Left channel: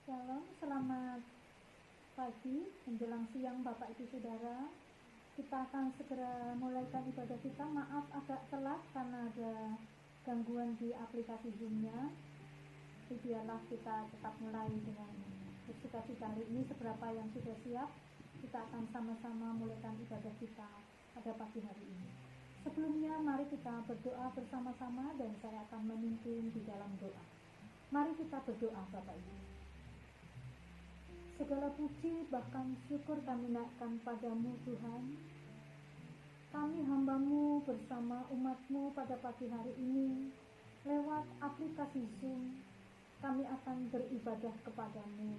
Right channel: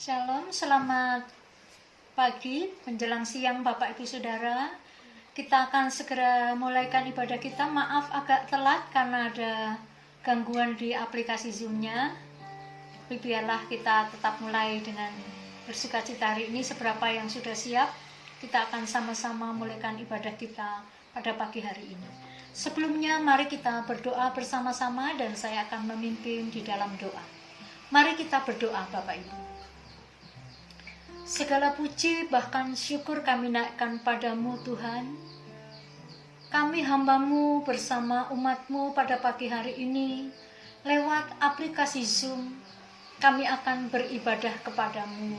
Shalom, selamat pagi, menjelang siang Bapak Ibu Saudara. Kita akan segera mulaikan ibadah kita. Maaf agak telat karena ada gangguan di aplikasi Zoom-nya. Tapi biarlah kita tetap mulai dengan bersukacita hari ini. Seberapa yang sudah siap, kita akan sama-sama mulaikan ibadah kita pada pagi hari ini. Sebelumnya mari kita berdoa bersama-sama dan saya akan memimpin di dalam doa. Mari kita berdoa Bapak Ibu. Segala puji bahkan syukur kami naikkan padamu Tuhan. Kami hamba-Mu bersama umat-Mu pada pagi hari ini lewat aplikasi Zoom kami akan beribadah kepadamu.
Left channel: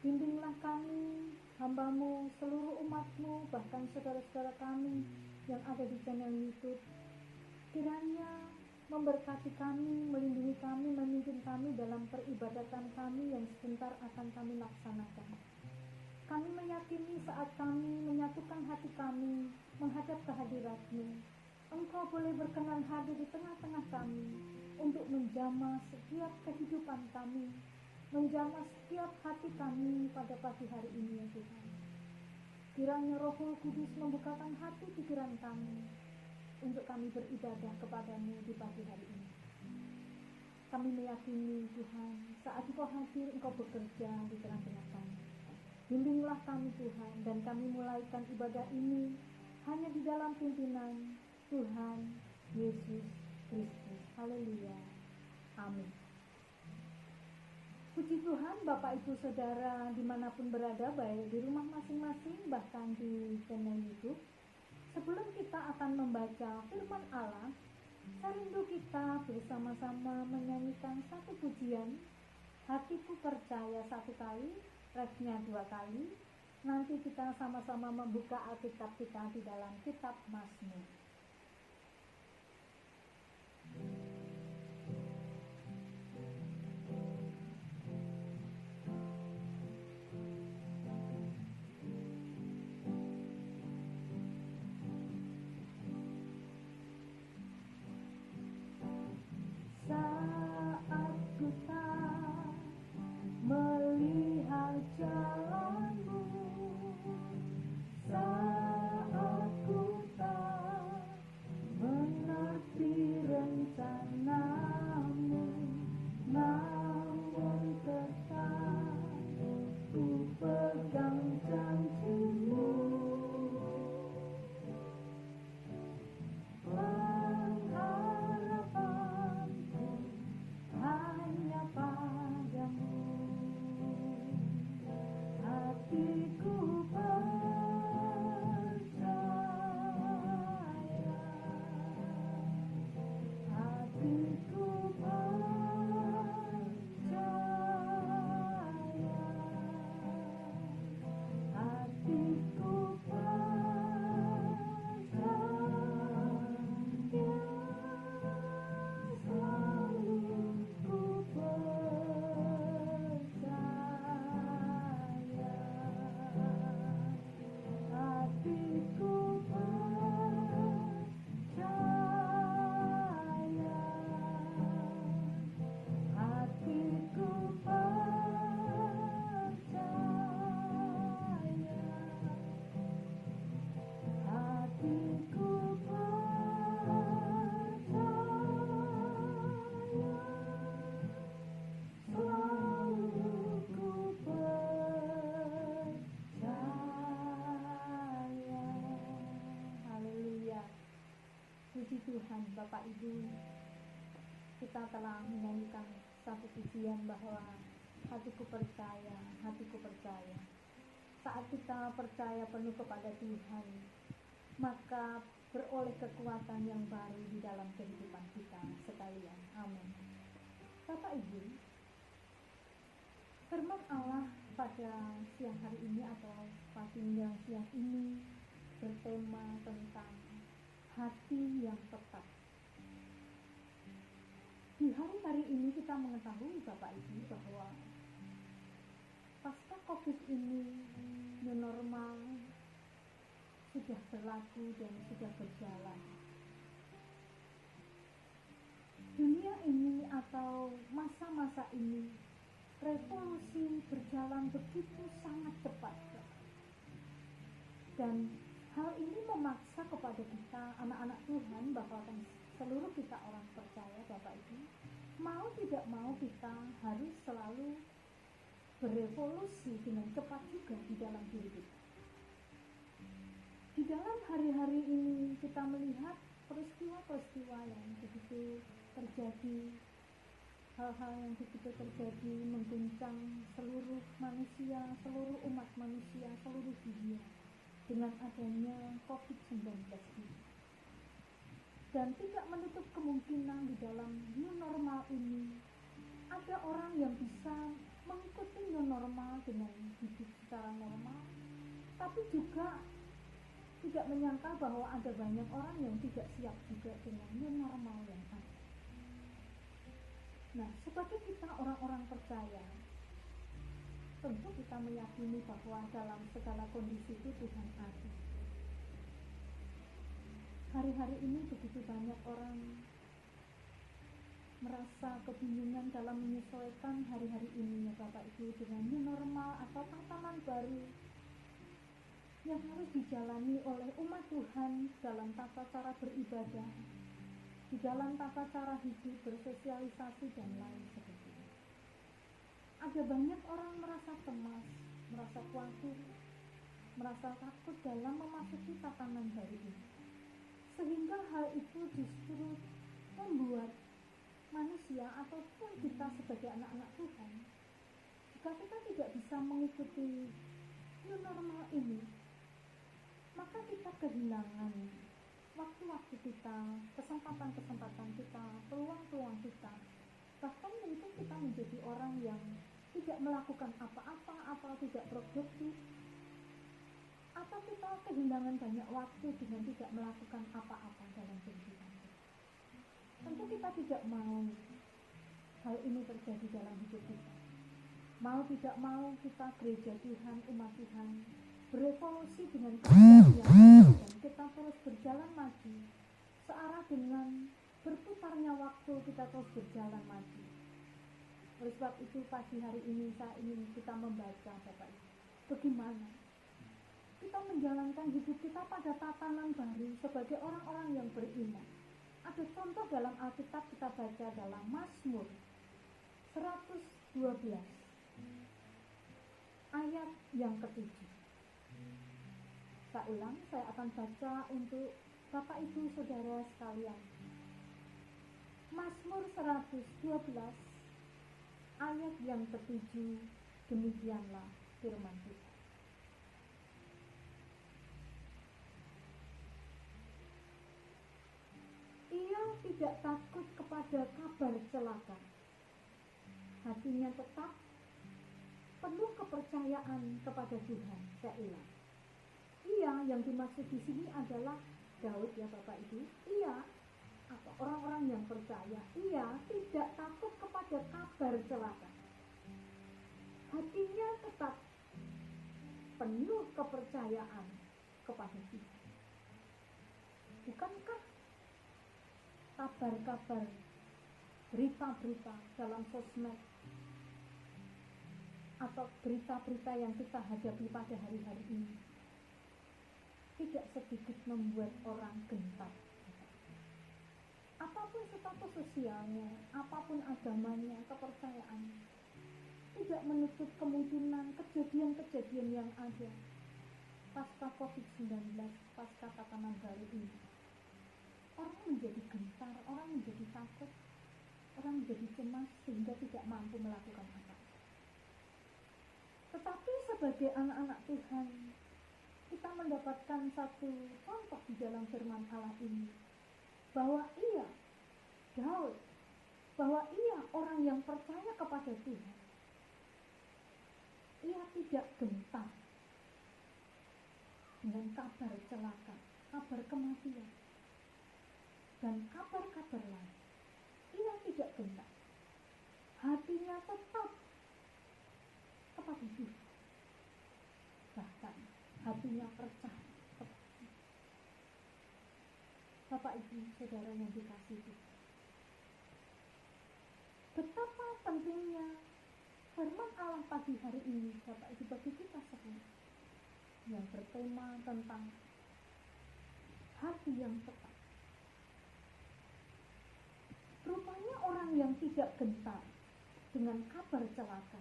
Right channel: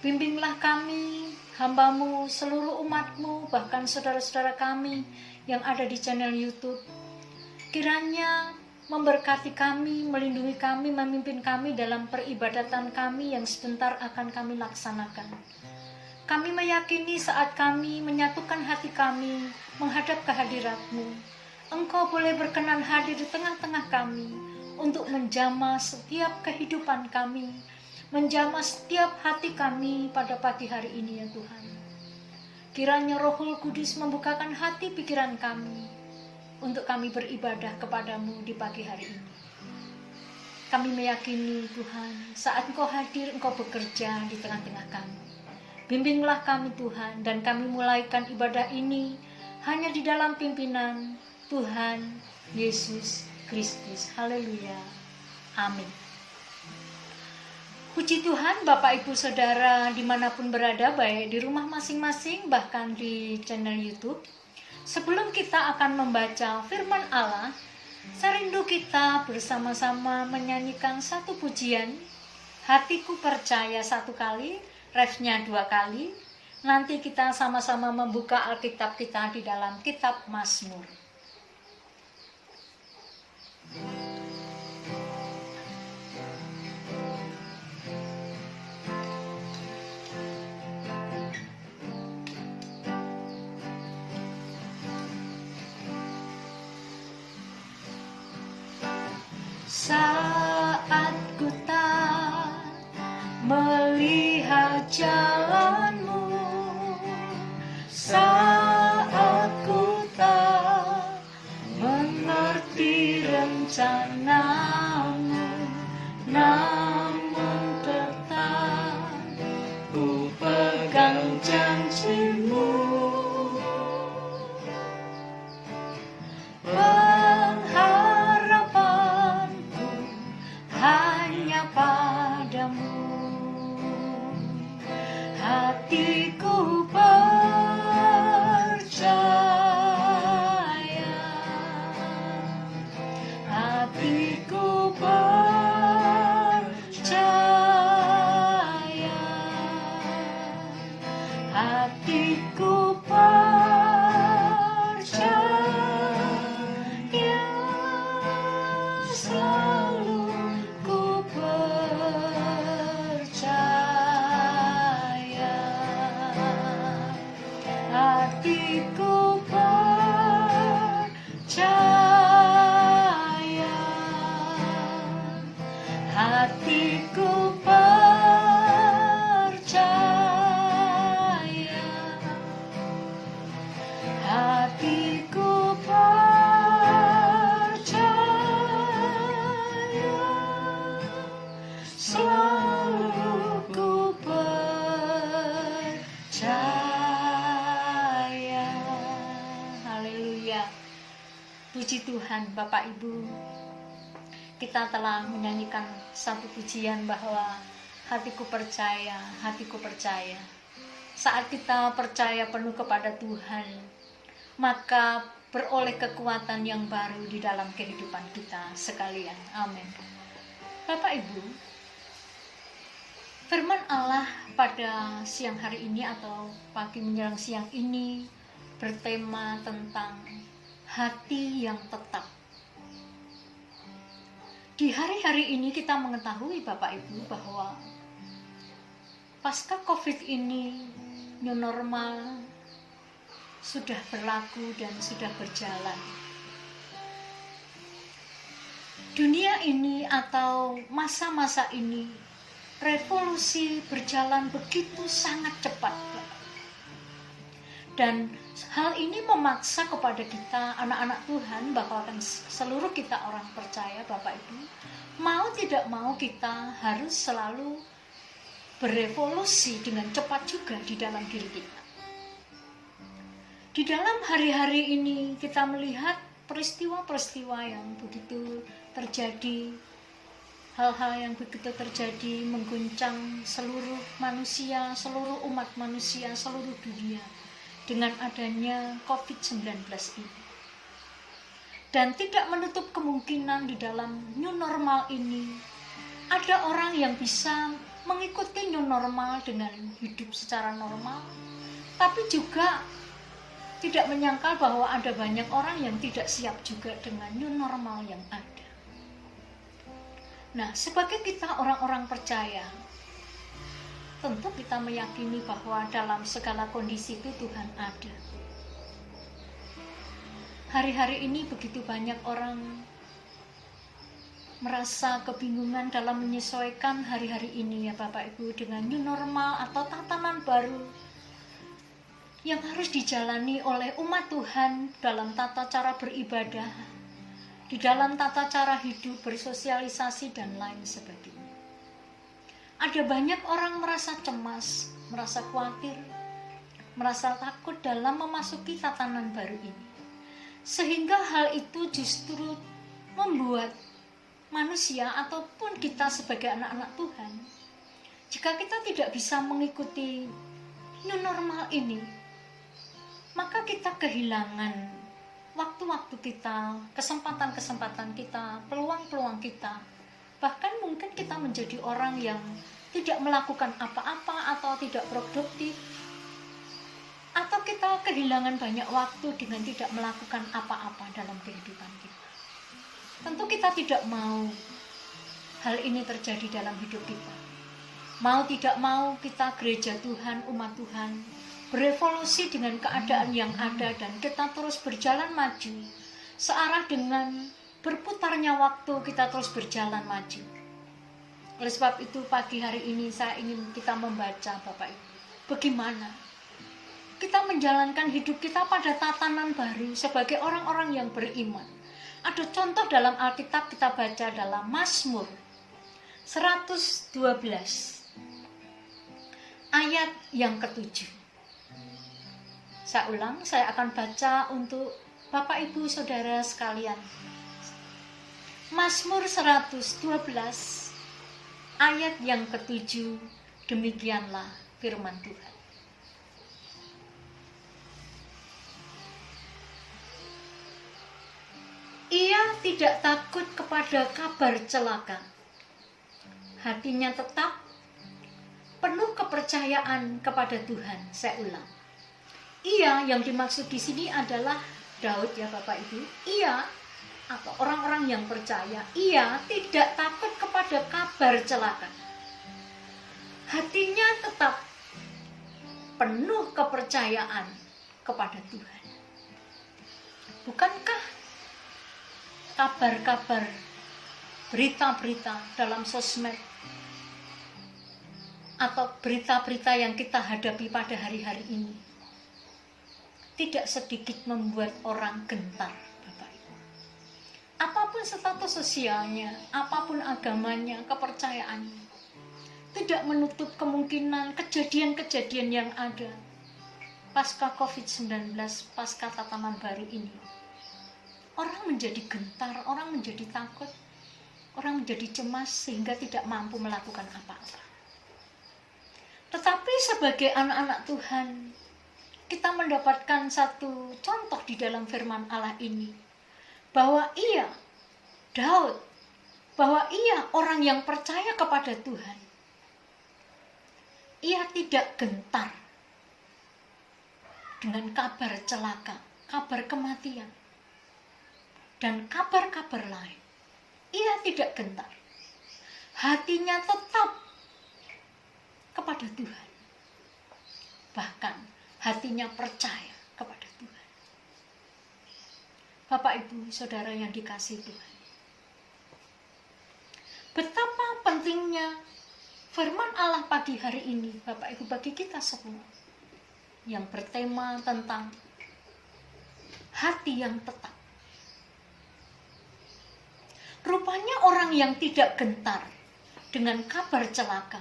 Bimbinglah kami, hamba-Mu, seluruh umat-Mu, bahkan saudara-saudara kami yang ada di channel YouTube. Kiranya memberkati kami, melindungi kami, memimpin kami dalam peribadatan kami yang sebentar akan kami laksanakan. Kami meyakini saat kami menyatukan hati kami menghadap kehadirat-Mu, Engkau boleh berkenan hadir di tengah-tengah kami untuk menjamah setiap kehidupan kami, menjamah setiap hati kami pada pagi hari ini ya Tuhan. Kiranya Rohul Kudus membukakan hati pikiran kami untuk kami beribadah kepadamu di pagi hari ini. Kami meyakini Tuhan, saat Engkau hadir, Engkau bekerja di tengah-tengah kami. Bimbinglah kami Tuhan, dan kami mulaikan ibadah ini hanya di dalam pimpinan Tuhan Yesus Kristus. Haleluya. Amin. Puji Tuhan Bapak Ibu Saudara dimanapun berada, baik di rumah masing-masing bahkan di channel YouTube. Sebelum kita akan membaca firman Allah, saya rindu kita bersama-sama menyanyikan satu pujian. Hatiku percaya satu kali, refnya 2 kali. Nanti kita sama-sama membuka Alkitab kita di dalam kitab Mazmur. Saat ku tak melihat jalanmu, saat ku tak mengerti rencanamu, namun tetap ku pegang janjimu. Hatiku percaya, hatiku percaya, hatiku percaya, selalu ku percaya. Hatiku percaya, hatiku percaya, hatiku percaya, selalu ku percaya. Haleluya. Puji Tuhan Bapak Ibu. Kita telah menyanyikan satu pujian bahwa hatiku percaya, hatiku percaya. Saat kita percaya penuh kepada Tuhan, maka beroleh kekuatan yang baru di dalam kehidupan kita sekalian. Amin. Bapak Ibu, firman Allah pada siang hari ini atau pagi menjelang siang ini bertema tentang hati yang tetap. Di hari-hari ini kita mengetahui Bapak Ibu bahwa pasca COVID ini new normal sudah berlaku dan sudah berjalan. Dunia ini atau masa-masa ini revolusi berjalan begitu sangat cepat. Dan hal ini memaksa kepada kita anak-anak Tuhan, bahkan seluruh kita orang percaya Bapak Ibu, mau tidak mau kita harus selalu berevolusi dengan cepat juga di dalam diri kita. Di dalam hari-hari ini kita melihat peristiwa-peristiwa yang begitu terjadi, hal-hal yang begitu terjadi mengguncang seluruh manusia, seluruh umat manusia, seluruh dunia dengan adanya COVID-19 ini. Dan tidak menutup kemungkinan di dalam new normal ini ada orang yang bisa mengikuti new normal dengan hidup secara normal, tapi juga tidak menyangkal bahwa ada banyak orang yang tidak siap juga dengan new normal yang ada. Nah, sebagai kita orang-orang percaya, tentu kita meyakini bahwa dalam segala kondisi itu Tuhan ada. Hari-hari ini begitu banyak orang merasa kebingungan dalam menyesuaikan hari-hari ini ya Bapak Ibu dengan new normal atau tatanan baru yang harus dijalani oleh umat Tuhan dalam tata cara beribadah, di dalam tata cara hidup, bersosialisasi dan lain sebagainya. Ada banyak orang merasa cemas, merasa khawatir, merasa takut dalam memasuki tatanan baru ini. Sehingga hal itu justru membuat manusia ataupun kita sebagai anak-anak Tuhan, jika kita tidak bisa mengikuti new normal ini, maka kita kehilangan waktu-waktu kita, kesempatan-kesempatan kita, peluang-peluang kita. Bahkan mungkin kita menjadi orang yang tidak melakukan apa-apa atau tidak produktif, atau kita kehilangan banyak waktu dengan tidak melakukan apa-apa dalam kehidupan kita. Tentu kita tidak mau hal ini terjadi dalam hidup kita. Mau tidak mau kita gereja Tuhan, umat Tuhan, berevolusi dengan keadaan yang ada dan kita terus berjalan maju searah dengan berputarnya waktu, kita terus berjalan maju. Oleh sebab itu pagi hari ini saya ingin kita membaca Bapak Ibu, bagaimana kita menjalankan hidup kita pada tatanan baru sebagai orang-orang yang beriman. Ada contoh dalam Alkitab, kita baca dalam Mazmur 112 ayat yang ke-7. Saya ulang, saya akan baca untuk Bapak Ibu Saudara sekalian. Mazmur 112 ayat yang ke-7, demikianlah firman Tuhan. Ia tidak takut kepada kabar celaka. Hatinya tetap penuh kepercayaan kepada Tuhan. Saya ulang. Ia yang dimaksud di sini adalah Daud ya Bapak Ibu. Ia atau orang-orang yang percaya, ia tidak takut kepada kabar celaka. Hatinya tetap penuh kepercayaan kepada Tuhan. Bukankah kabar-kabar, berita-berita dalam sosmed atau berita-berita yang kita hadapi pada hari-hari ini tidak sedikit membuat orang gentar, Bapak Ibu. Apapun status sosialnya, apapun agamanya, kepercayaannya, tidak menutup kemungkinan kejadian-kejadian yang ada pasca COVID-19, pasca tatanan baru ini. Orang menjadi gentar, orang menjadi takut, orang menjadi cemas sehingga tidak mampu melakukan apa-apa. Tetapi sebagai anak-anak Tuhan, kita mendapatkan satu contoh di dalam firman Allah ini, bahwa ia, Daud, bahwa ia orang yang percaya kepada Tuhan. Ia tidak gentar dengan kabar celaka, kabar kematian, dan kabar-kabar lain. Ia tidak gentar. Hatinya tetap kepada Tuhan. Bahkan hatinya percaya kepada Tuhan. Bapak Ibu Saudara yang dikasihi Tuhan, betapa pentingnya Firman Allah pagi hari ini, Bapak Ibu, bagi kita semua, yang bertema tentang hati yang tetap. Rupanya orang yang tidak gentar dengan kabar celaka,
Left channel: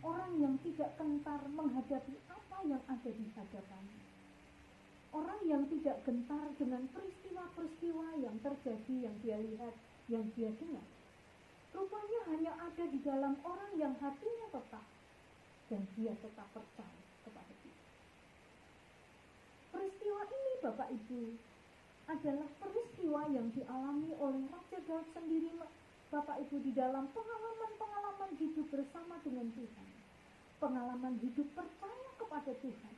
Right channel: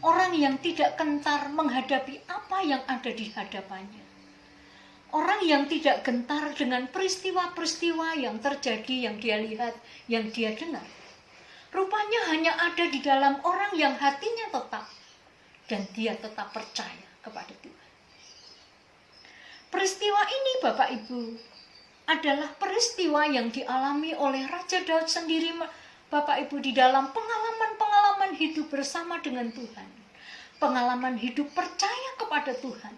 orang yang tidak gentar menghadapi apa yang ada di hadapannya, orang yang tidak gentar dengan peristiwa-peristiwa yang terjadi, yang dia lihat, yang dia dengar, rupanya hanya ada di dalam orang yang hatinya tetap dan dia tetap percaya kepada Tuhan. Peristiwa ini, Bapak Ibu, adalah peristiwa yang dialami oleh Raja Daud sendiri, Bapak Ibu, di dalam pengalaman-pengalaman hidup bersama dengan Tuhan. Pengalaman hidup percaya kepada Tuhan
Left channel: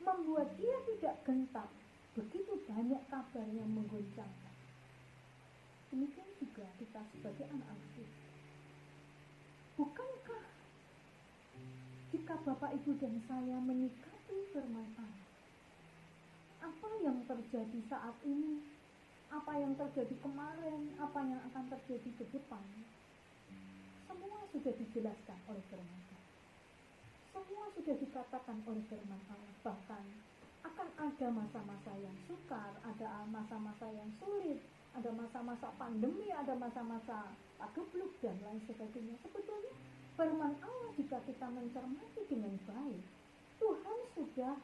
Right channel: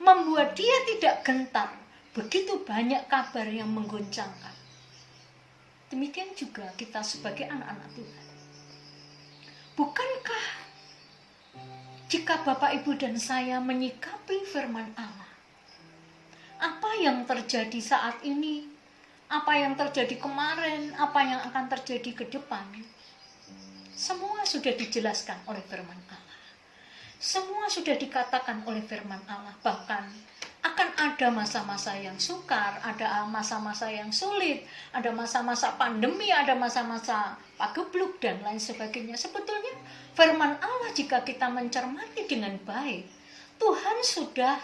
membuat dia tidak gentar. Begitu banyak kabar yang menggoncangkan. Demikian juga kita sebagai anak-anak Tuhan. Bukankah jika Bapak Ibu dan saya menyikapi firman Allah, apa yang terjadi saat ini, apa yang terjadi kemarin, apa yang akan terjadi ke depan, semua sudah dijelaskan oleh firman Allah. Semua sudah dikatakan oleh firman Allah. Bahkan akan ada masa-masa yang sukar, ada masa-masa yang sulit, ada masa-masa pandemi, ada masa-masa pagebluk dan lain sebagainya. Sebetulnya firman Allah, jika kita mencermati dengan baik, Tuhan sudah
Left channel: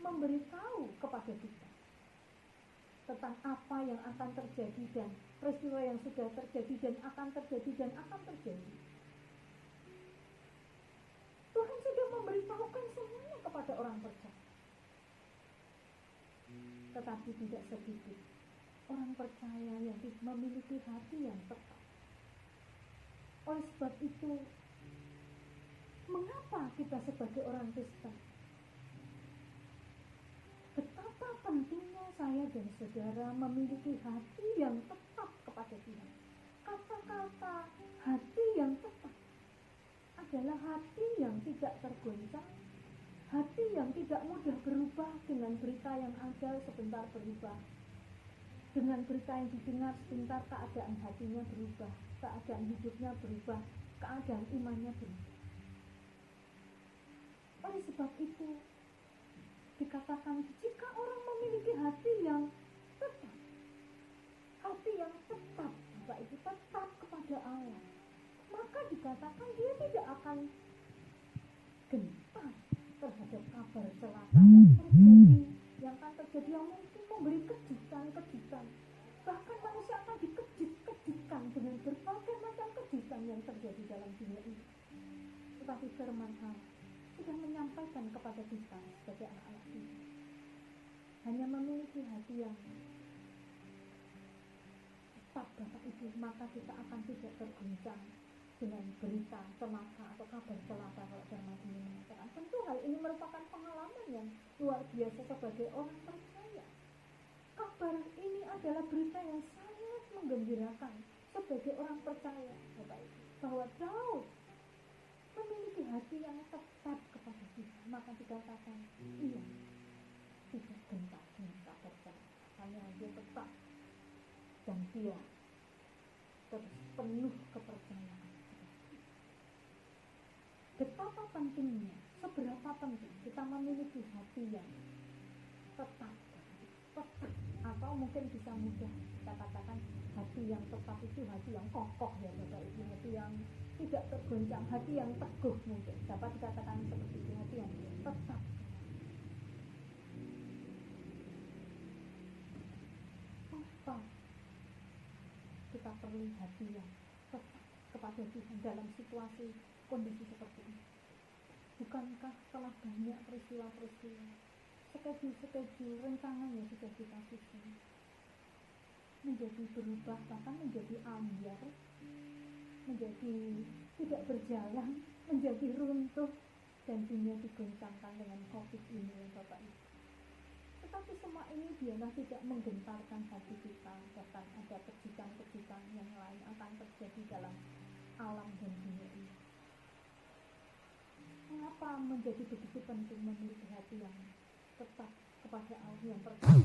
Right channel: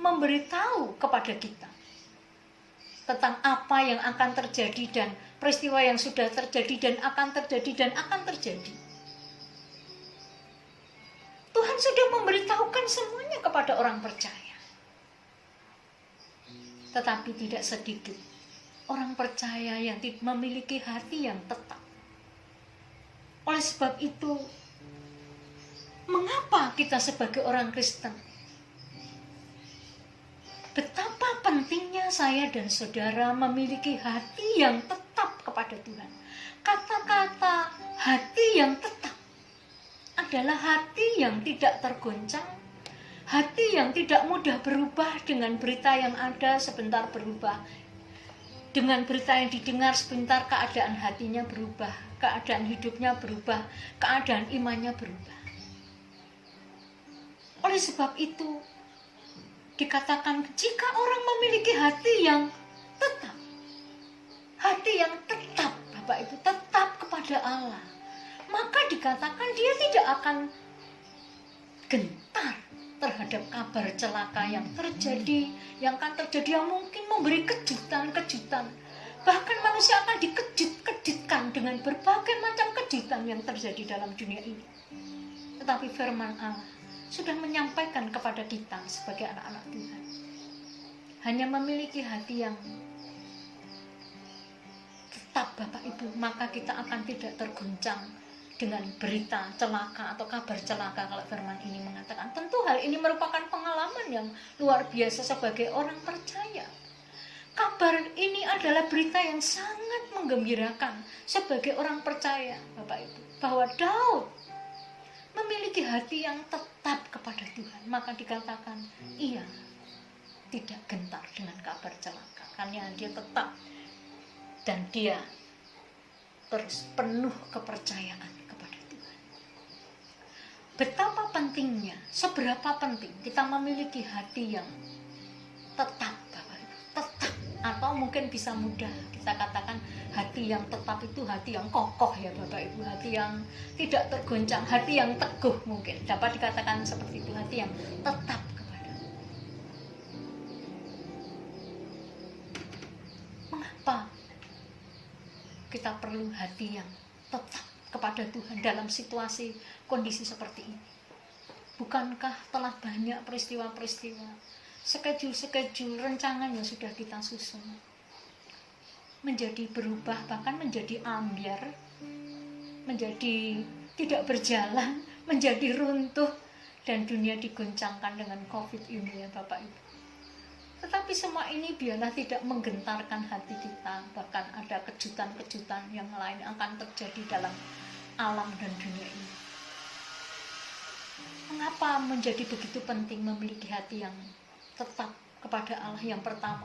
memberitahu kepada kita tentang apa yang akan terjadi dan peristiwa yang sudah terjadi dan akan terjadi dan akan terjadi. Tuhan sudah memberitahukan semuanya kepada orang percaya. Tetapi tidak sedikit orang percaya yang memiliki hati yang tetap. Oleh sebab itu, mengapa kita sebagai orang Kristen, betapa pentingnya saya dan saudara memiliki hati yang tetap kepada Tuhan. Kata-kata hati yang tetap adalah hati yang tidak tergoncang, hati yang tidak mudah berubah dengan berita yang ada sebentar berubah, dengan berita yang didengar sebentar keadaan hatinya berubah, keadaan hidupnya berubah, keadaan imannya berubah. Oleh sebab itu, dikatakan jika orang memiliki hati yang tetap, Bapak Ibu, tetap kepada Allah, maka dikatakan dia tidak akan gentar terhadap kabar celaka yang terjadi, yang akan terjadi, yang mungkin memberi kejutan-kejutan. Bahkan manusia akan dikejut-kejutkan dengan berbagai macam kejutan yang terjadi dalam dunia ini. Tetapi firman Allah sudah menyampaikan kepada kita sebagai anak-anak Tuhan, hanya memiliki hati yang tetap, Bapak Ibu, maka kita akan tidak terguncang dengan berita celaka atau kabar celaka. Kalau firman ini mengatakan, tentu hal ini merupakan pengalaman yang luar biasa sebagai orang percaya. Kabar ini adalah berita yang sangat menggembirakan sebagai orang percaya, Bapak Ibu, bahwa Daud memiliki hati yang tetap kepada Tuhan. Maka dikatakan ia tidak gentar dengan kabar celaka, karena dia tetap dan dia terus penuh kepercayaan kepada Tuhan. Betapa pentingnya, seberapa penting kita memiliki hati yang tetap, Bapak Ibu, tetap, atau mungkin bisa mudah kita katakan hati yang tetap itu hati yang kokoh, ya Bapak Ibu, hati yang tidak tergoncang, hati yang teguh, mungkin dapat dikatakan seperti itu, hati yang tetap kepada. Mengapa kita perlu hati yang tetap kepada Tuhan dalam situasi kondisi seperti ini? Bukankah telah banyak peristiwa-peristiwa, schedule rencangan yang sudah kita susun menjadi berubah, bahkan menjadi ambyar, menjadi tidak berjalan, menjadi runtuh, dan dunia diguncangkan dengan COVID ini, ya Bapak Ibu. Tetapi semua ini biarlah tidak menggentarkan hati kita. Bahkan ada kejutan-kejutan yang lain akan terjadi dalam alam dan dunia ini. Mengapa menjadi begitu penting memiliki hati yang tetap kepada Allah? Yang pertama,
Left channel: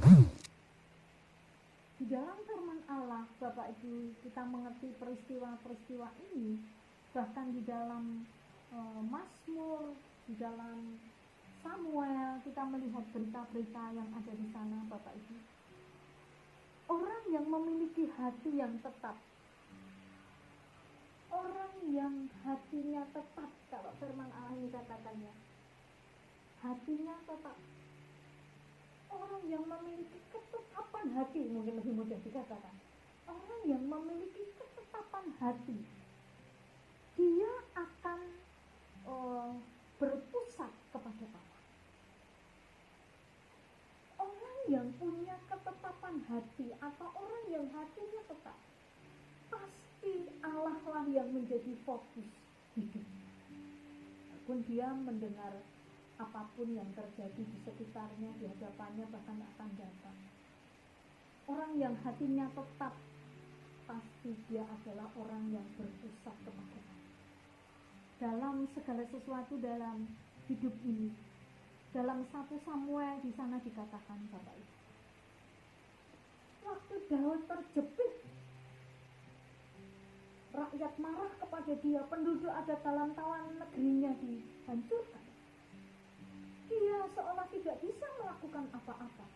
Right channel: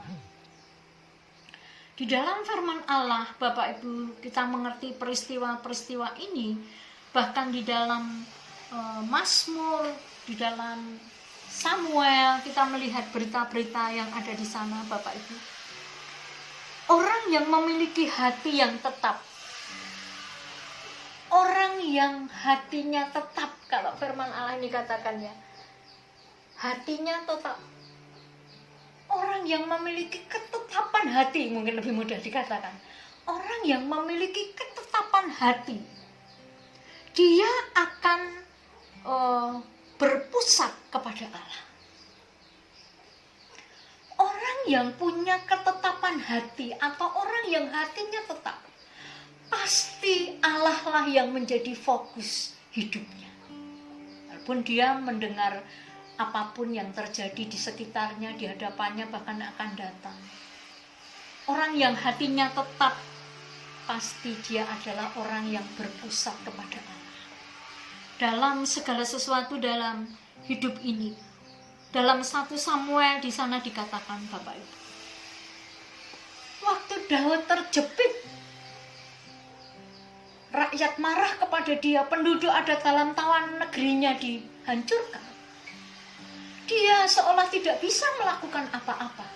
di dalam firman Allah, Bapak Ibu, kita mengerti peristiwa-peristiwa ini. Bahkan di dalam Mazmur, di dalam Samuel, kita melihat berita-berita yang ada di sana, Bapak Ibu. Orang yang memiliki hati yang tetap, orang yang hatinya tetap, kalau firman Allah ini katakannya, hatinya tetap. Orang yang memiliki ketetapan hati, mungkin lebih mudah dikatakan. Orang yang memiliki ketetapan hati, dia akan berpusat kepada Allah. Orang yang punya ketetapan hati atau orang yang hatinya tetap, pasti Allah lah yang menjadi fokus hidupnya. Walaupun dia mendengar apapun yang terjadi di sekitarnya, di hadapannya, bahkan akan datang. Orang yang hatinya tetap, pasti dia adalah orang yang berpusat kepada Allah. Dalam segala sesuatu dalam hidup ini, dalam 1 Samuel di sana dikatakan, Bapak Ibu, waktu Daud terjepit, rakyat marah kepada dia, penduduk ada dalam tawan negerinya dihancurkan. Dia seolah tidak bisa melakukan apa-apa,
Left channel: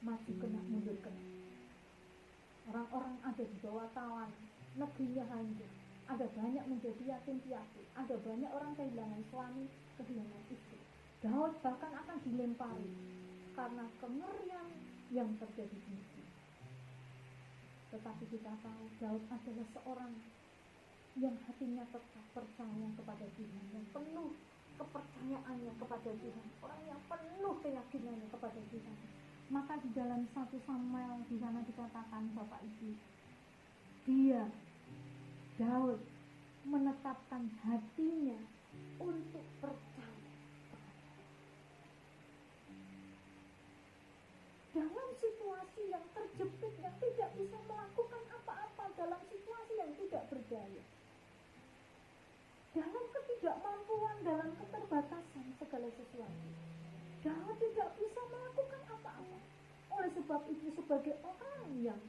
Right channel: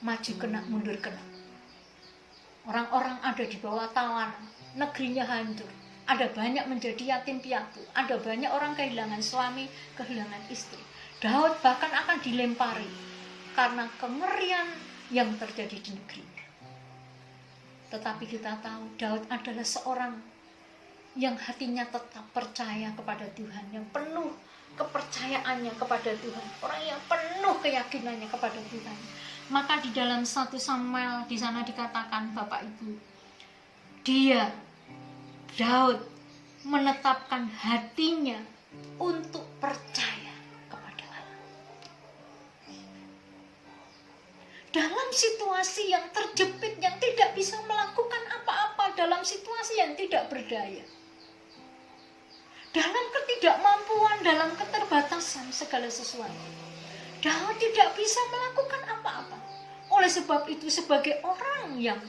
maju kena, mundur kena. Orang-orang ada di bawah tawan, negerinya hancur. Ada banyak menjadi yatim piatu, ada banyak orang kehilangan suami, kehilangan istri. Daud bahkan akan dilempari karena kengerian yang terjadi di negerinya. Tetapi kita tahu Daud adalah seorang yang hatinya tetap percaya kepada Tuhan, yang penuh kepercayaannya kepada Tuhan, orang yang penuh keyakinannya kepada Tuhan. Maka di dalam 1 Samuel di sana dikatakan, Bapak Ibu, Daud menetapkan hatinya untuk percaya kepada Allah. Dalam situasi yang terjepit, yang tidak bisa melakukan apa-apa, dalam situasi yang tidak berdaya, dalam ketidakmampuan, dalam keterbatasan segala sesuatu, Daud tidak bisa melakukan apa-apa. Oleh sebab itu, sebagai orang yang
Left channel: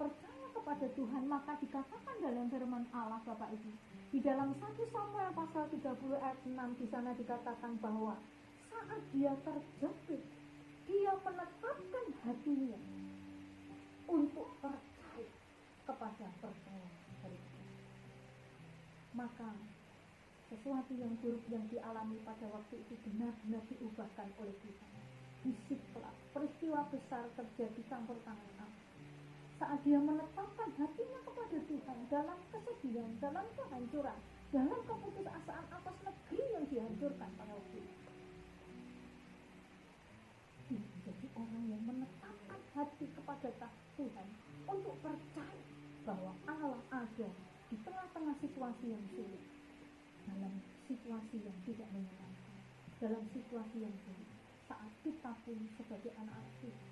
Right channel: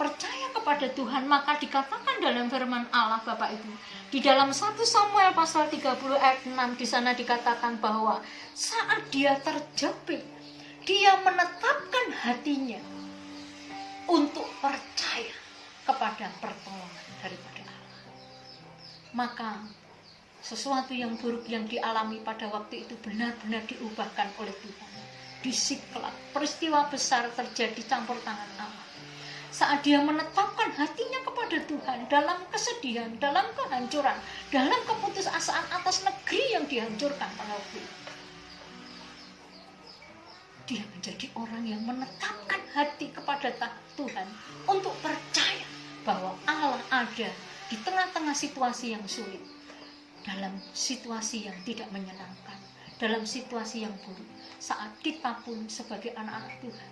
percaya kepada Tuhan, maka dikatakan dalam firman Allah, Bapak Ibu, di dalam 1 Samuel pasal 30 ayat 6 di sana dikatakan bahwa saat dia terjepit, dia menetapkan hatinya untuk percaya kepada pertolongan daripada Allah. Maka sesuatu yang buruk yang dialami pada waktu itu benar-benar diubahkan oleh Tuhan. Di Siklag, peristiwa besar terjadi campur tangan Allah. Saat dia menetapkan hatinya kepada Tuhan dalam kesedihan, dalam kehancuran, dalam keputusasaan atas negeri yang dihancurkan pada waktu itu, dia menjadi orang yang menetapkan hati kepada Tuhan untuk percaya bahwa Allah ada di tengah-tengah situasi yang sulit, dalam situasi yang tidak menyenangkan, dalam situasi yang buruk. Saat kita pun sebagai anak-anak Tuhan,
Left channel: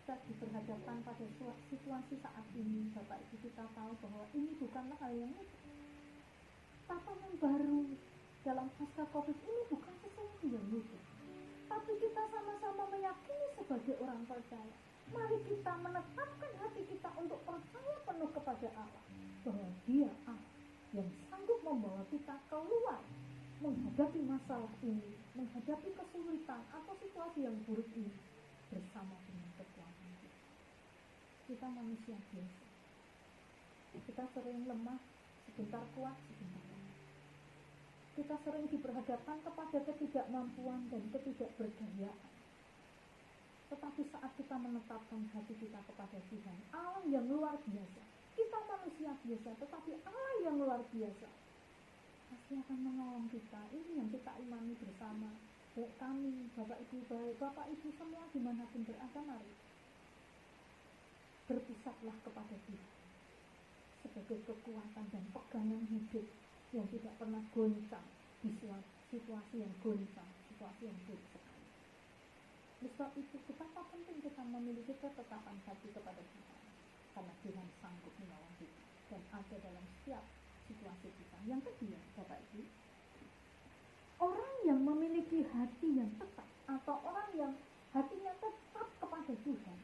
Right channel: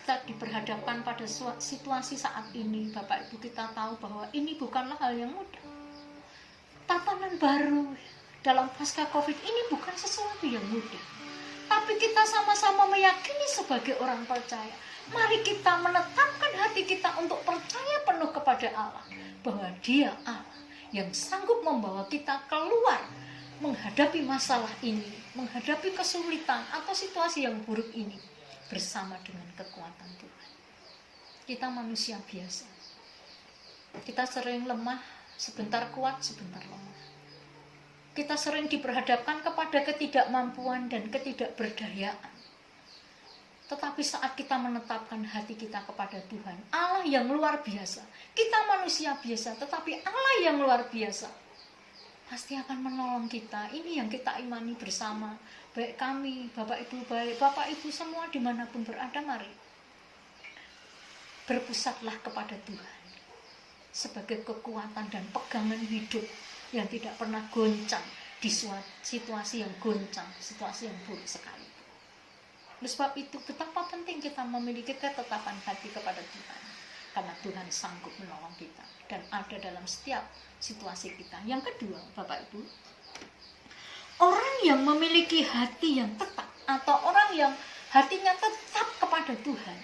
kita diperhadapkan pada situasi saat ini, Bapak Ibu, kita tahu bahwa ini bukanlah hal yang mudah. Tatanan baru dalam pasca Covid ini bukan sesuatu yang mudah. Tapi kita sama-sama meyakini sebagai orang percaya, mari kita menetapkan hati kita untuk percaya penuh kepada Allah, bahwa Dia Allah yang sanggup membawa kita keluar menghadapi masalah ini, menghadapi kesulitan atau situasi yang buruk ini bersama dengan kekuatan Tuhan. Kita manusia biasa. Kita sering lemah, sebentar kuat, sebentar lemah. Kita sering diperhadapkan kepada ketidakmampuan dan ketidakberdayaan. Tetapi saat kita menetapkan hati kita kepada Tuhan, Allah yang luar biasa, kita manusia biasa, tetapi Allah yang luar biasa pasti akan menolong kita. Ini yang kita imani bersama, baik kami, Bapak Ibu, baik Bapak Ibu semua dimanapun berada, mari berpusatlah kepada Tuhan sebagai kekuatan dan pegangan hidup yang tidak pernah goncang di situasi yang goncang, situasi yang buruk sekali. Oleh sebab itu, betapa penting kita memiliki ketetapan hati kepada Tuhan, karena Tuhan sanggup menolong kita dan ada dalam setiap situasi kita. Yang kedua, Bapak Ibu, orang yang memiliki hati yang tetap atau orang yang hatinya tetap kepada Tuhan,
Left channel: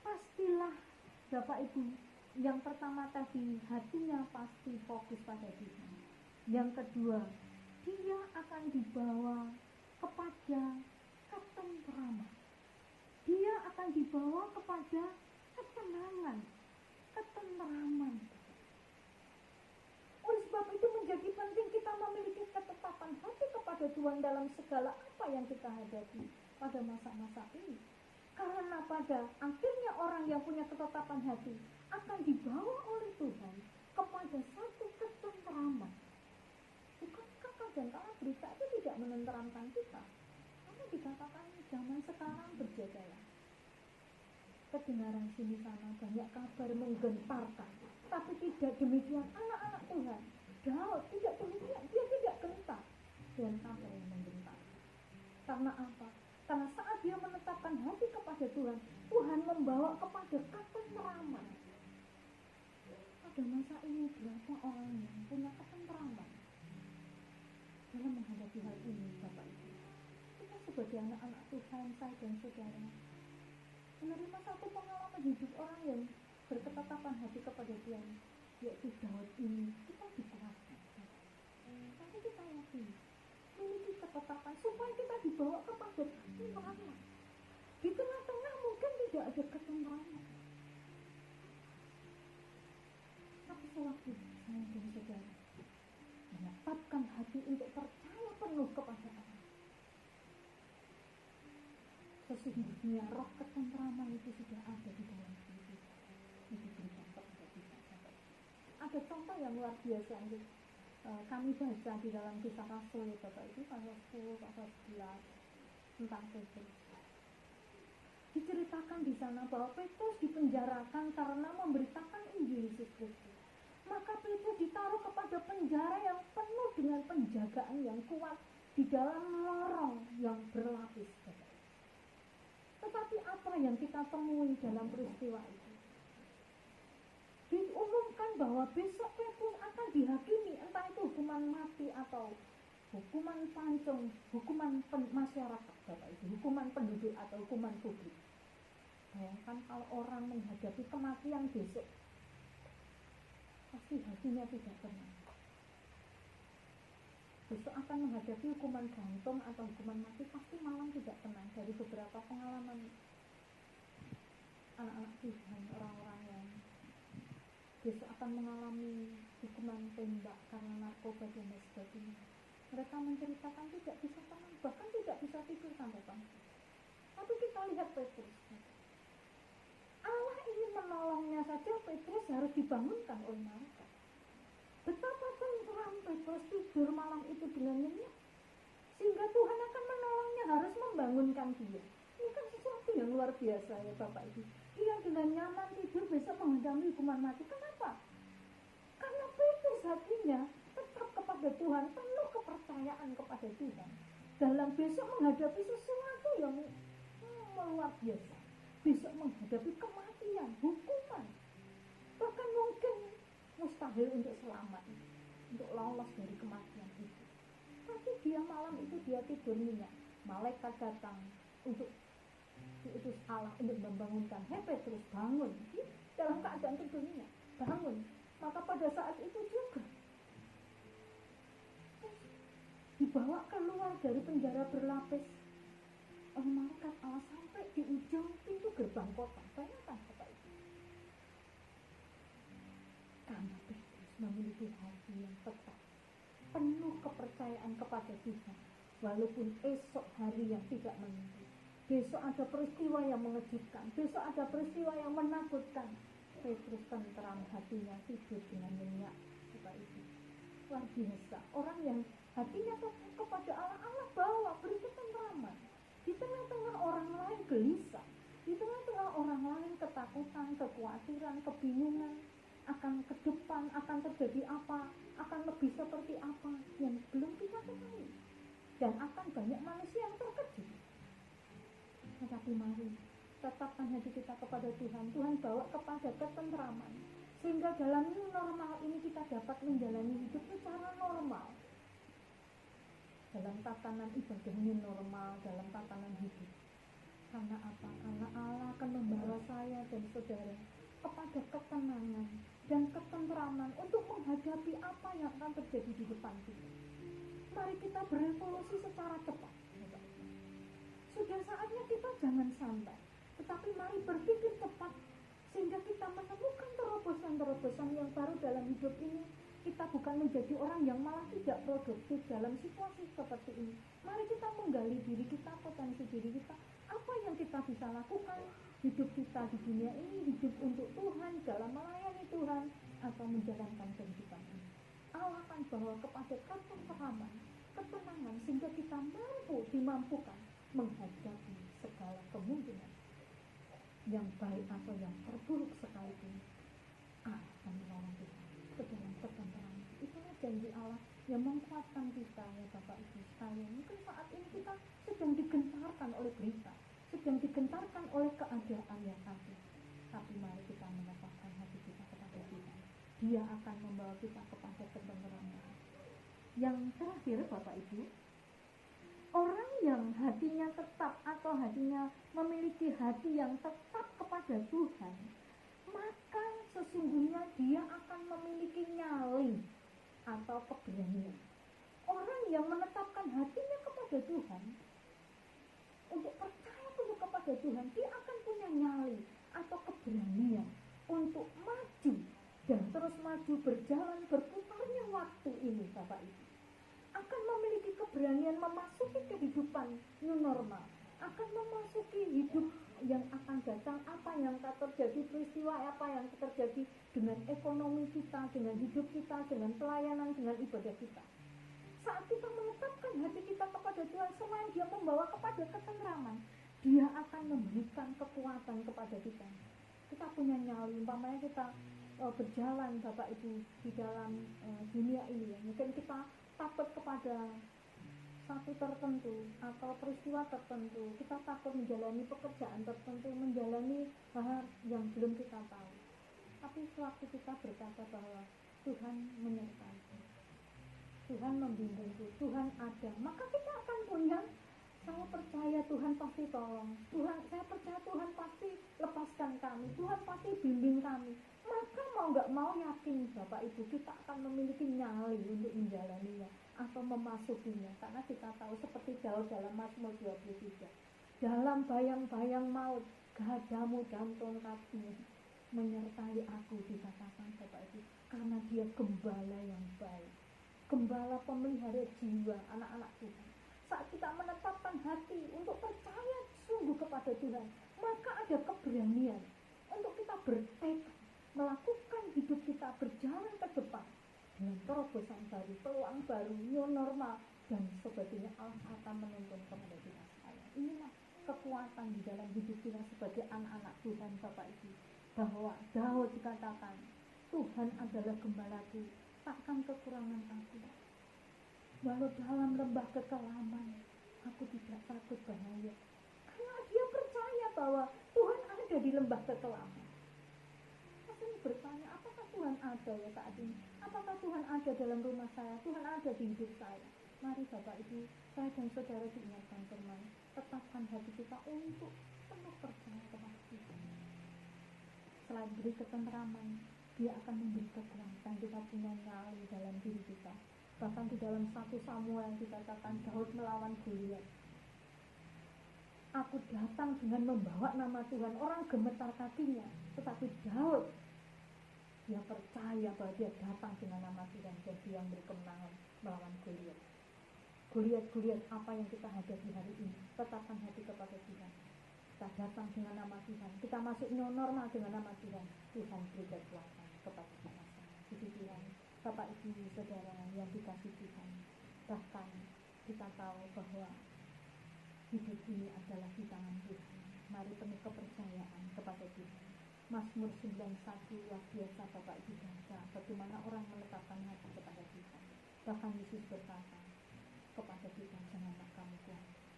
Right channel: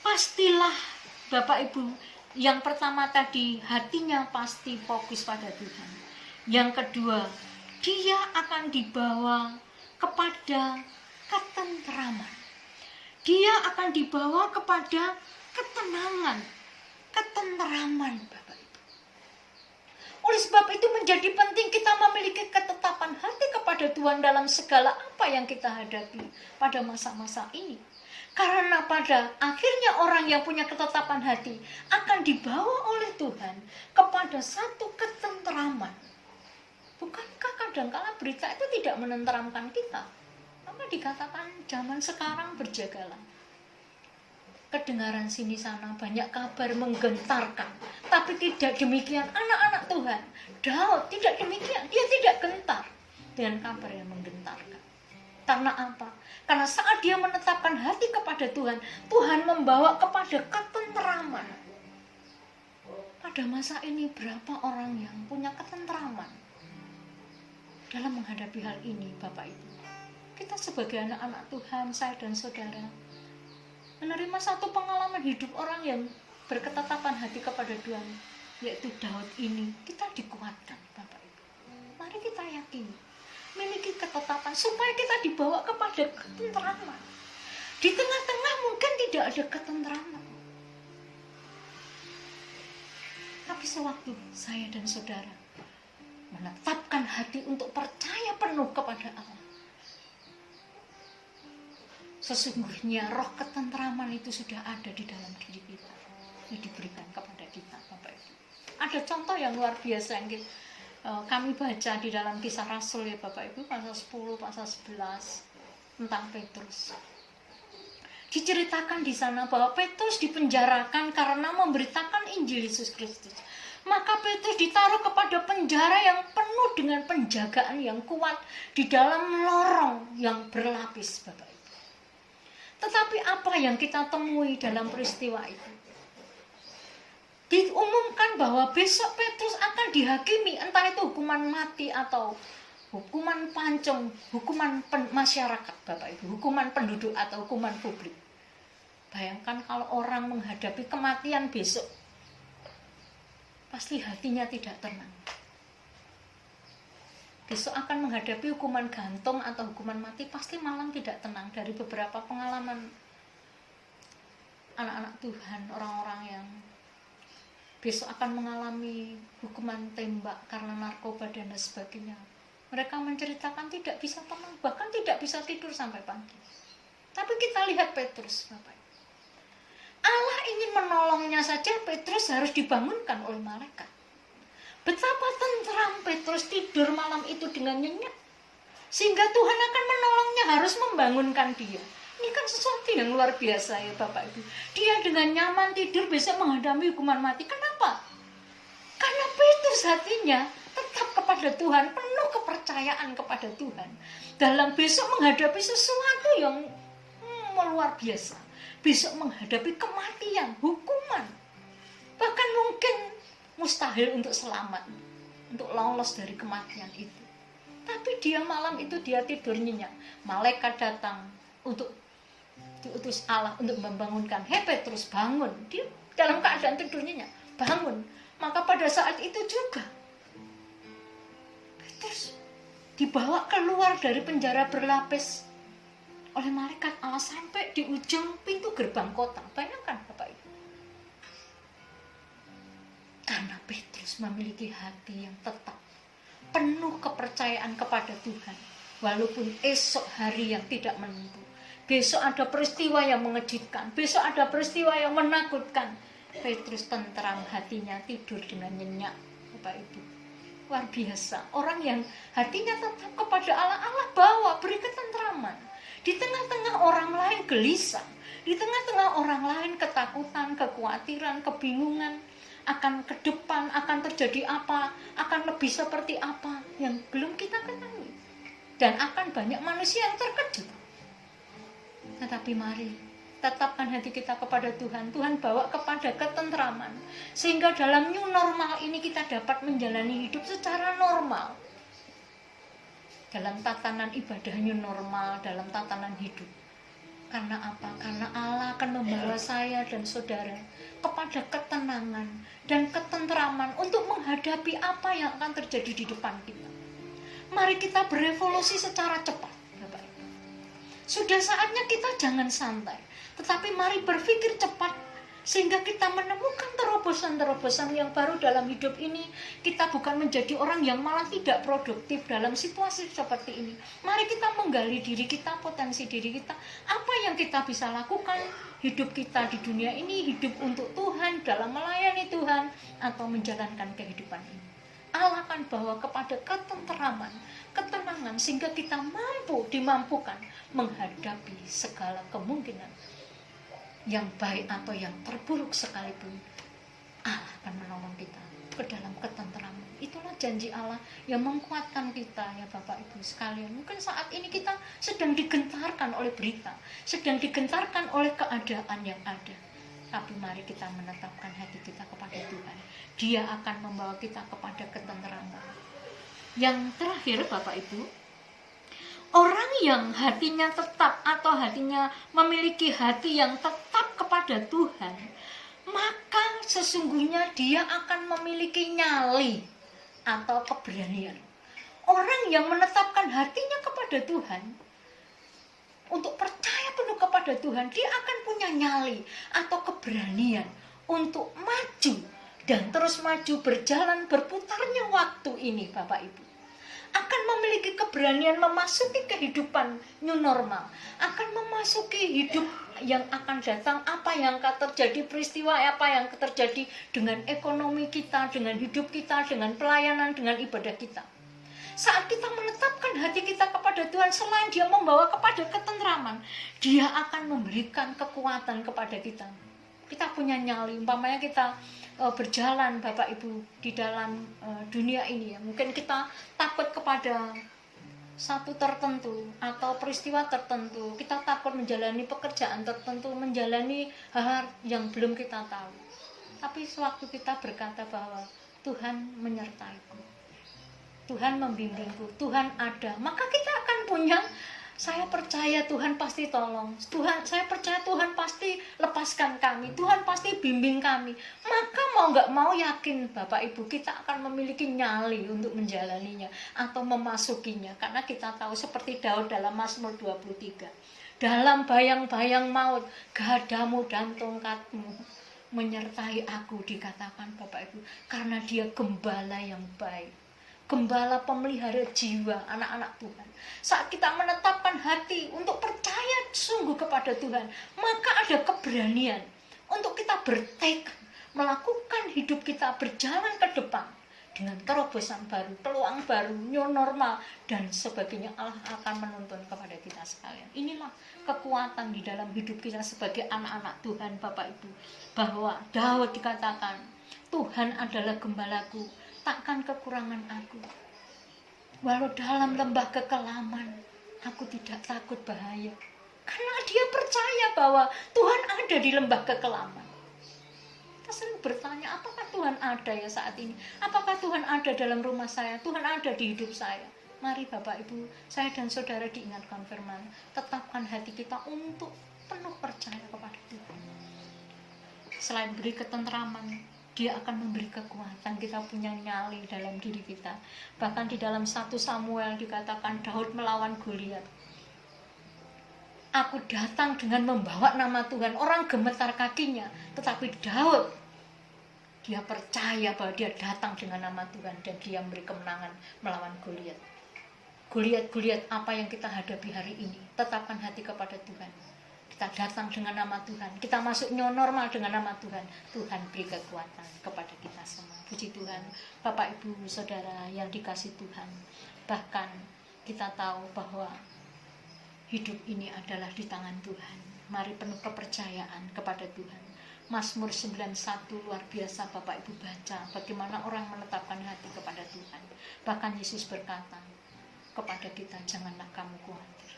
pastilah, Bapak Ibu, yang pertama tadi, hatinya pasti fokus pada Tuhan. Yang kedua, dia akan dibawa kepada ketentraman. Dia akan dibawa kepada ketenangan, ketentraman, Bapak Ibu. Oleh sebab itu menjadi penting kita memiliki ketetapan hati kepada Tuhan dalam segala apa yang kita hadapi pada masa-masa ini. Karena pada akhirnya orang yang punya ketetapan hati akan dibawa oleh Tuhan kepada satu ketentraman. Bukankah kadang-kala berita itu tidak menenteramkan kita? Maka dikatakan zaman sekarang berjagalah. Kedengaran sini sana banyak kabar menggentarkan. Tapi tidak demikian anak-anak Tuhan. Daud tidak demikian. Dia tidak gentar dengan kabar yang menggentarkan. Karena apa? Karena saat dia menetapkan hati kepada Tuhan, Tuhan membawa kepada ketenteraman. Pada masa ini berapa orang yang punya ketenteraman dalam menghadapi hal ini, Bapak Ibu? Kita sebagai anak-anak Tuhan, saya dan saudara, menerima satu pengalaman hidup orang yang berketetapan hati kepada Tuhan, yaitu Daud ini. Kita dikuatkan, Bapak Ibu. Mari kita yakini, memiliki ketetapan supaya kita dibawa kepada ketenteraman. Di tengah-tengah mungkin tidak ada ketenteraman, tapi sewaktu saya dan saudara menetapkan hati untuk percaya penuh kepada Allah, sesungguhnya roh ketenteraman itu sudah ada di dalam diri kita, yang diberikan kepada kita, Bapak Ibu. Ada contoh yang luar biasa yang kami baca di dalam Kisah Rasul, ya Bapak Ibu, pasal 10, pasal 11 tentang Petrus. Diceritakan di sana bahwa Petrus dipenjarakan karena memberitakan Injil Yesus Kristus. Maka Petrus ditaruh kepada penjara yang penuh dengan penjagaan yang kuat di dalam lorong yang berlapis, Bapak Ibu. Tetapi apa yang kita temui dalam peristiwa itu? Diumumkan bahwa besok Petrus akan dihakimi, entah itu hukuman mati atau hukuman pancung, hukuman masyarakat, Bapak Ibu, hukuman penduduk atau hukuman publik. Bayangkan kalau orang menghadapi kematian besok, pasti hatinya tidak tenang. Besok akan menghadapi hukuman gantung atau hukuman mati, pasti malam tidak tenang. Dari beberapa pengalaman anak-anak Tuhan, orang-orang yang besok akan mengalami hukuman tembak karena narkoba dan sebagainya, mereka menceritakan tidak bisa tenang, bahkan tidak bisa tidur sampai pagi. Tapi kita lihat Petrus, Bapak. Allah ingin menolongnya saja, Petrus harus dibangunkan oleh malaikat. Betapa tentram Petrus tidur malam itu dengan nyenyak, sehingga Tuhan akan menolongnya, harus membangunkan dia. Ini kan sesuatu yang luar biasa, ya Bapak Ibu. Dia dengan nyaman tidur besok menghadapi hukuman mati. Kenapa? Karena Petrus hatinya tetap kepada Tuhan, penuh kepercayaan kepada Tuhan dalam besok menghadapi sesuatu yang luar biasa. Besok menghadapi kematian, hukuman, bahkan mungkin mustahil untuk selamat, untuk lolos dari kematian itu. Tapi dia malam itu dia tidur nyenyak. Malaikat datang untuk diutus Allah untuk membangunkan. Hei Petrus, bangun. Dia dalam keadaan tidur nyenyak, bangun. Maka pada saat itu juga Petrus dibawa keluar dari penjara berlapis oleh malaikat Allah sampai di ujung pintu gerbang kota. Bayangkan Bapak Ibu. Karena Petrus memiliki hati yang tetap, penuh kepercayaan kepada Tuhan, walaupun esok hari yang tidak menentu. Besok ada peristiwa yang mengejutkan, besok ada peristiwa yang menakutkan. Petrus tentram hatinya, tidur dengan nyenyak, Bapak Ibu. Luar biasa. Orang yang hatinya tetap kepada Allah, Allah bawa, beri ketentraman. Di tengah-tengah orang lain gelisah, di tengah-tengah orang lain ketakutan, kekhawatiran, kebingungan akan ke depan, akan terjadi apa, akan lebih seperti apa yang belum kita ketahui. Dan akan banyak manusia yang terkejut. Tetapi mari tetapkan hati kita kepada Tuhan. Tuhan bawa kepada ketentraman, sehingga dalam new normal ini kita dapat menjalani hidup secara normal. Dalam tatanan ibadah new normal, dalam tatanan hidup. Karena apa? Karena Allah akan membawa saya dan saudara kepada ketenangan dan ketenteraman untuk menghadapi apa yang akan terjadi di depan kita. Mari kita berevolusi secara cepat, Bapak Ibu. Sudah saatnya kita jangan santai, tetapi mari berpikir cepat sehingga kita menemukan terobosan-terobosan yang baru dalam hidup ini. Kita bukan menjadi orang yang malah tidak produktif dalam situasi seperti ini. Mari kita menggali diri kita, potensi diri kita, apa yang kita bisa lakukan. Hidup kita di dunia ini, hidup untuk Tuhan, dalam melayani Tuhan, atau menjalankan kehidupan ini. Allah akan bawa kepada ketenteraman, ketenangan, sehingga kita dimampukan menghadapi segala kemungkinan yang baik atau yang terburuk sekalipun. Allah akan menolong kita ke dalam ketenteraman. Itulah janji Allah yang menguatkan kita, ya Bapak Ibu sekalian. Mungkin saat ini kita sedang digentarkan oleh berita, sedang digentarkan oleh keadaan yang ada. Tapi mari kita menetapkan hati kita kepada Tuhan. Dia akan membawa kita kepada ketenteraman. Yang terakhir, Bapak Ibu, orang yang hatinya tetap atau hatinya memiliki hati yang tetap kepada Tuhan, maka sesungguhnya dia akan memiliki nyali atau keberanian. Orang yang menetapkan hatinya kepada Tuhan, untuk percaya penuh kepada Tuhan, dia akan punya nyali atau keberanian untuk maju dan terus maju, berjalan berputarnya waktu ini, Bapak Ibu. Akan memiliki keberanian memasuki kehidupan new normal, akan memasuki hidup yang akan datang, apa yang akan terjadi, peristiwa apa yang terjadi dengan ekonomi kita, dengan hidup kita, dengan pelayanan, dengan ibadah kita. Saat kita menetapkan hati kita kepada Tuhan, selain dia membawa kepada ketenteraman, dia akan memberikan kekuatan kepada kita. Kita punya nyali, umpamanya kita berjalan, Bapak Ibu, di dalam dunia ini ya. Mungkin kita takut kepada satu tertentu atau peristiwa tertentu, kita takut menjalani pekerjaan tertentu, menjalani hal yang belum kita tahu. Tapi sewaktu kita berkata bahwa Tuhan menyertaiku, Tuhan membimbingku, Tuhan ada, maka kita akan punya, saya percaya Tuhan pasti tolong, saya percaya Tuhan pasti lepaskan kami, Tuhan pasti bimbing kami. Maka mau gak mau yakin Bapak Ibu, kita akan memiliki nyali untuk menjalaninya atau memasukinya. Karena kita tahu seperti Daud dalam Mazmur 23, dalam bayang-bayang maut, gadamu dan tongkatmu menyertai aku, dikatakan Bapak Ibu, karena dia gembala yang baik, gembala pemelihara jiwa anak-anak Tuhan. Saat kita menetapkan hati untuk percaya sungguh kepada Tuhan, maka ada keberanian untuk kita bertekad melakukan hidup kita berjalan ke depan dengan terobosan baru, peluang baru, new normal dan sebagainya. Allah akan menuntun kepada kita sekalian. Inilah kekuatan di dalam hidup kita sebagai anak-anak Tuhan, Bapak Ibu, bahwa Daud dikatakan, Tuhan adalah gembalaku, takkan kekurangan aku. Walau dalam lembah kekelaman, aku tidak takut bahaya. Karena dia percaya bahwa Tuhan ada di lembah kekelaman. Kita sering bertanya, apakah Tuhan ada ya saat ini? Apakah Tuhan ada dalam rumah saya? Tuhan ada di hidup saya? Mari Bapak Ibu, saya dan saudara diingatkan firman, tetapkan hati kita untuk penuh percaya kepada Tuhan. Selain beri ketenteraman, dia akan memberi kekuatan, kita punya nyali dalam diri kita. Bahkan di dalam 1 Samuel dikatakan Daud melawan Goliat. Aku datang dengan membawa nama Tuhan, orang gemetar kakinya. Tetapi Daud, dia percaya bahwa dia datang dengan nama Tuhan dan dia memberi kemenangan melawan Goliat. Goliat apa yang kita hadapi hari ini, tetapkan hati kepada Tuhan. Kita datang dengan nama Tuhan, kita masuk new normal dengan nama Tuhan. Tuhan beri kekuatan kepada kita semua. Puji Tuhan, Bapak Ibu Saudara yang dikasih Tuhan. Bahkan kita tahu bahwa hidup ini adalah di tangan Tuhan. Mari penuh kepercayaan kepada Tuhan. Mazmur 91 luar biasa, Bapak Ibu baca bagaimana orang menetapkan hati kepada Tuhan. Bahkan Yesus berkata kepada kita, janganlah kamu khawatir.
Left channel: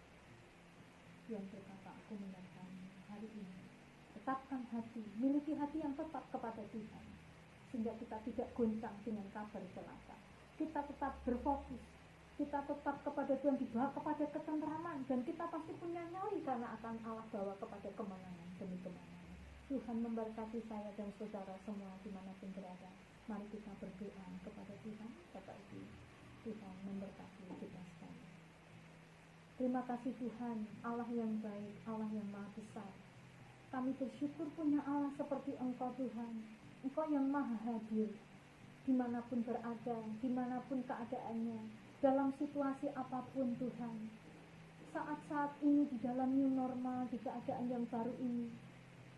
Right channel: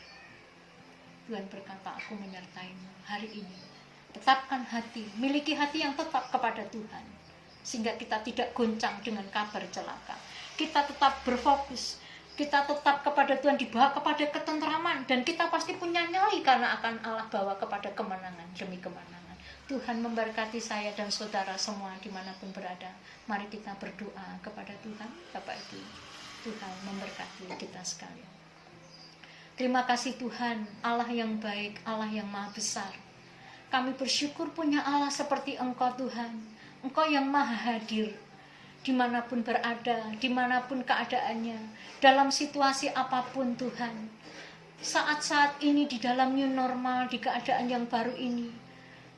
Tuhan berkata, aku menyertaimu hari ini. Tetapkan hati, miliki hati yang tetap kepada Tuhan, sehingga kita tidak goncang dengan kabar celaka. Kita tetap berfokus, kita tetap kepada Tuhan, dibawa kepada ketenteraman, dan kita pasti punya nyali karena akan Allah bawa kepada kemenangan demi kemenangan. Tuhan memberkati saya dan saudara semua dimanapun berada. Mari kita berdoa kepada Tuhan. Bapak Ibu, Tuhan memberkati kita sekalian. Terima kasih Tuhan, Allah yang baik, Allah yang maha besar. Kami bersyukur punya Allah seperti Engkau Tuhan. Engkau yang maha hadir dimanapun berada, dimanapun keadaannya, dalam situasi apapun Tuhan. Saat-saat ini di dalam new normal, di keadaan yang baru ini,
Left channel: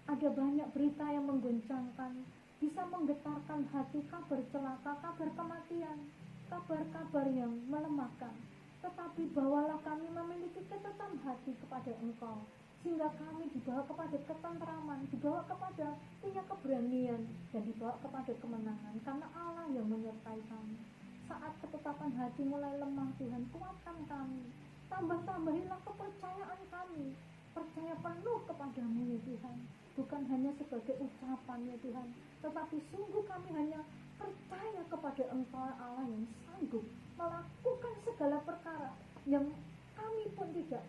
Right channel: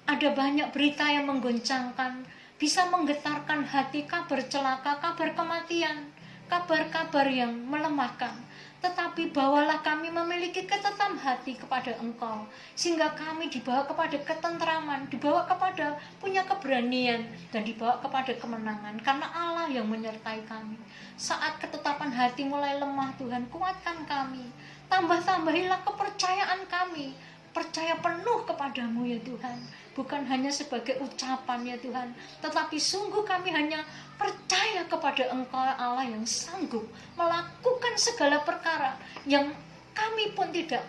ada banyak berita yang menggoncangkan, bisa menggetarkan hati, kabar celaka, kabar kematian, kabar-kabar yang melemahkan. Tetapi bawalah kami memiliki ketetapan hati kepada Engkau, sehingga kami dibawa kepada ketentraman, dibawa kepada punya keberanian, dan dibawa kepada kemenangan, karena Allah yang menyertai kami. Saat ketetapan hati mulai lemah, Tuhan, kuatkan kami, tambah-tambahilah kepercayaan kami, percaya penuh kepadamu ya Tuhan, bukan hanya sebagai ucapan ya Tuhan, tetapi sungguh kami hanya percaya kepada Engkau Allah yang sanggup melakukan segala perkara yang kami pun tidak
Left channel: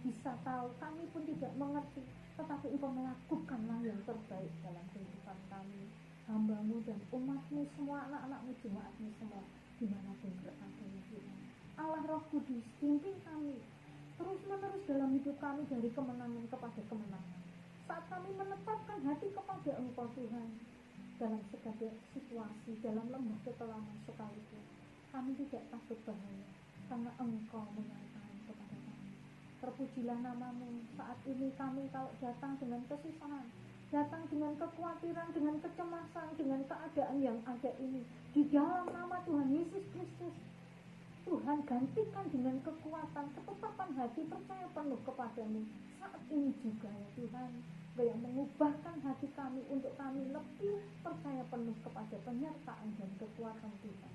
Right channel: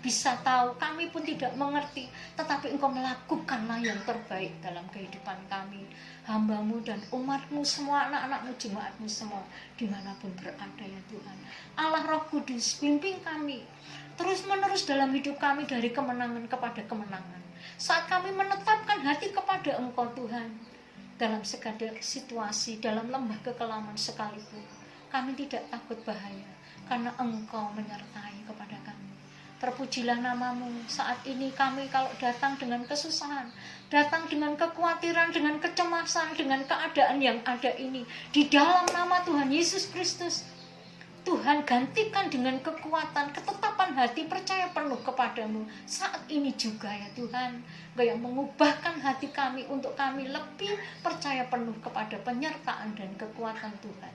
bisa tahu, kami pun tidak mengerti, tetapi Engkau melakukanlah yang terbaik dalam kehidupan kami, hamba-Mu dan umat-Mu semua, anak-anak-Mu, jemaat-Mu semua, dimanapun berada ya Tuhan. Allah Roh Kudus, bimbing kami terus-menerus dalam hidup kami dari kemenangan kepada kemenangan. Saat kami menetapkan hati kepada Engkau Tuhan, dalam segala situasi, dalam lembah kekelaman sekalipun, kami tidak takut bahaya, karena Engkau menyertai kepada kami. Terpujilah nama-Mu. Saat ini kami kalau datang dengan kesusahan, datang dengan kekhawatiran, dengan kecemasan, dengan keadaan yang ada ini, di dalam nama Tuhan Yesus Kristus, Tuhan gantikan dengan kekuatan, ketetapan hati, percaya penuh kepadamu. Saat ini juga ya Tuhan, Engkau yang mengubahkan hati kami untuk kami lebih percaya penuh kepada penyertaan dan kekuatan Tuhan.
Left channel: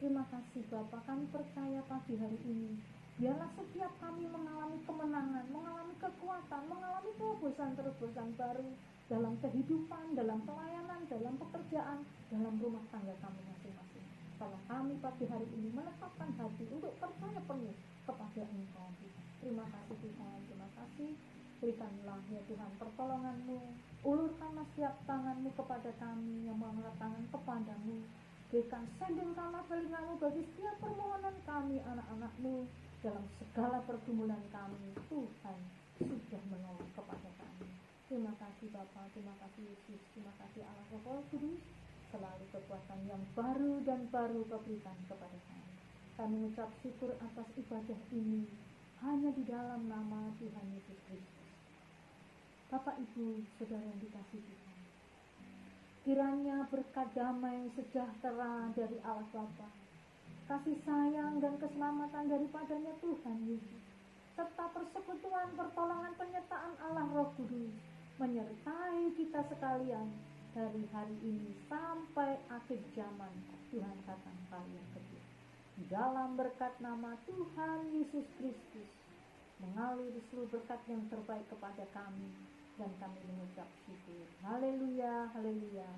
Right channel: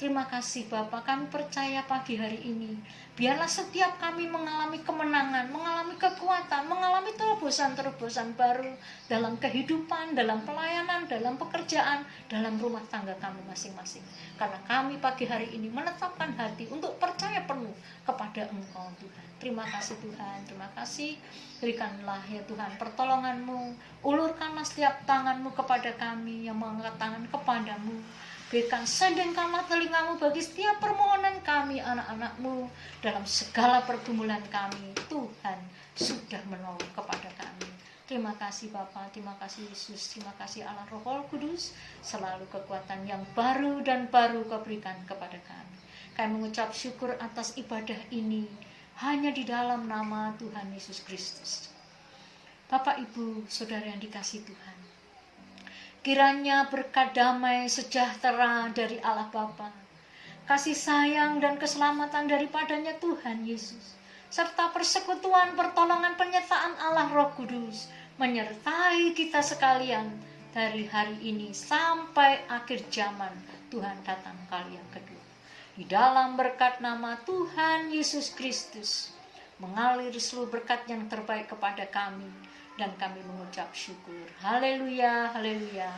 Terima kasih Bapa, kami percaya pagi hari ini, biarlah setiap kami mengalami kemenangan, mengalami kekuatan, mengalami terobosan-terobosan baru dalam kehidupan, dalam pelayanan, dalam pekerjaan, dalam rumah tangga kami masing-masing. Karena kami pagi hari ini menetapkan hati untuk percaya penuh kepada Engkau Tuhan. Terima kasih Tuhan, terima kasih. Berikanlah ya Tuhan pertolongan-Mu, ulurkanlah setiap tangan-Mu kepada kami yang mengangkat tangan kepadamu. Berikan sendengkanlah telinga-Mu bagi setiap permohonan kami anak-anak-Mu dalam segala pergumulan kami. Tuhan sudah menolong kepada kami. Terima kasih Bapa, terima kasih Yesus, terima kasih Allah Roh Kudus. Selalu kekuatan yang baru dan baru Kau berikan kepada kami. Kami mengucap syukur atas ibadah ini hanya di dalam nama Tuhan Yesus Kristus. Bapak, Ibu, Saudara yang dikasihi Tuhan, kiranya berkat damai sejahtera dari Allah Bapa, kasih sayang dan keselamatan daripadanya Tuhan Yesus, serta persekutuan, pertolongan, penyertaan Allah Roh Kudus menyertai kita sekalian dari hari ini sampai akhir zaman Tuhan datang kali yang kedua. Di dalam berkat nama Tuhan Yesus Kristus mengalir seluruh berkat yang terbaik kepada kami, dan kami mengucap syukur. Haleluya, haleluya,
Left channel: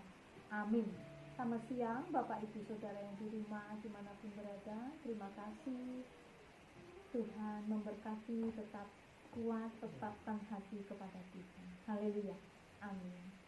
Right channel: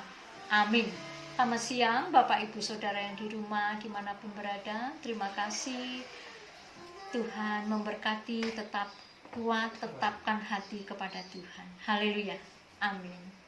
amin. Selamat siang Bapak Ibu Saudara yang di rumah dimanapun berada. Terima kasih. Tuhan memberkati, tetap kuat, tetapkan hati kepada Tuhan. Haleluya, amin.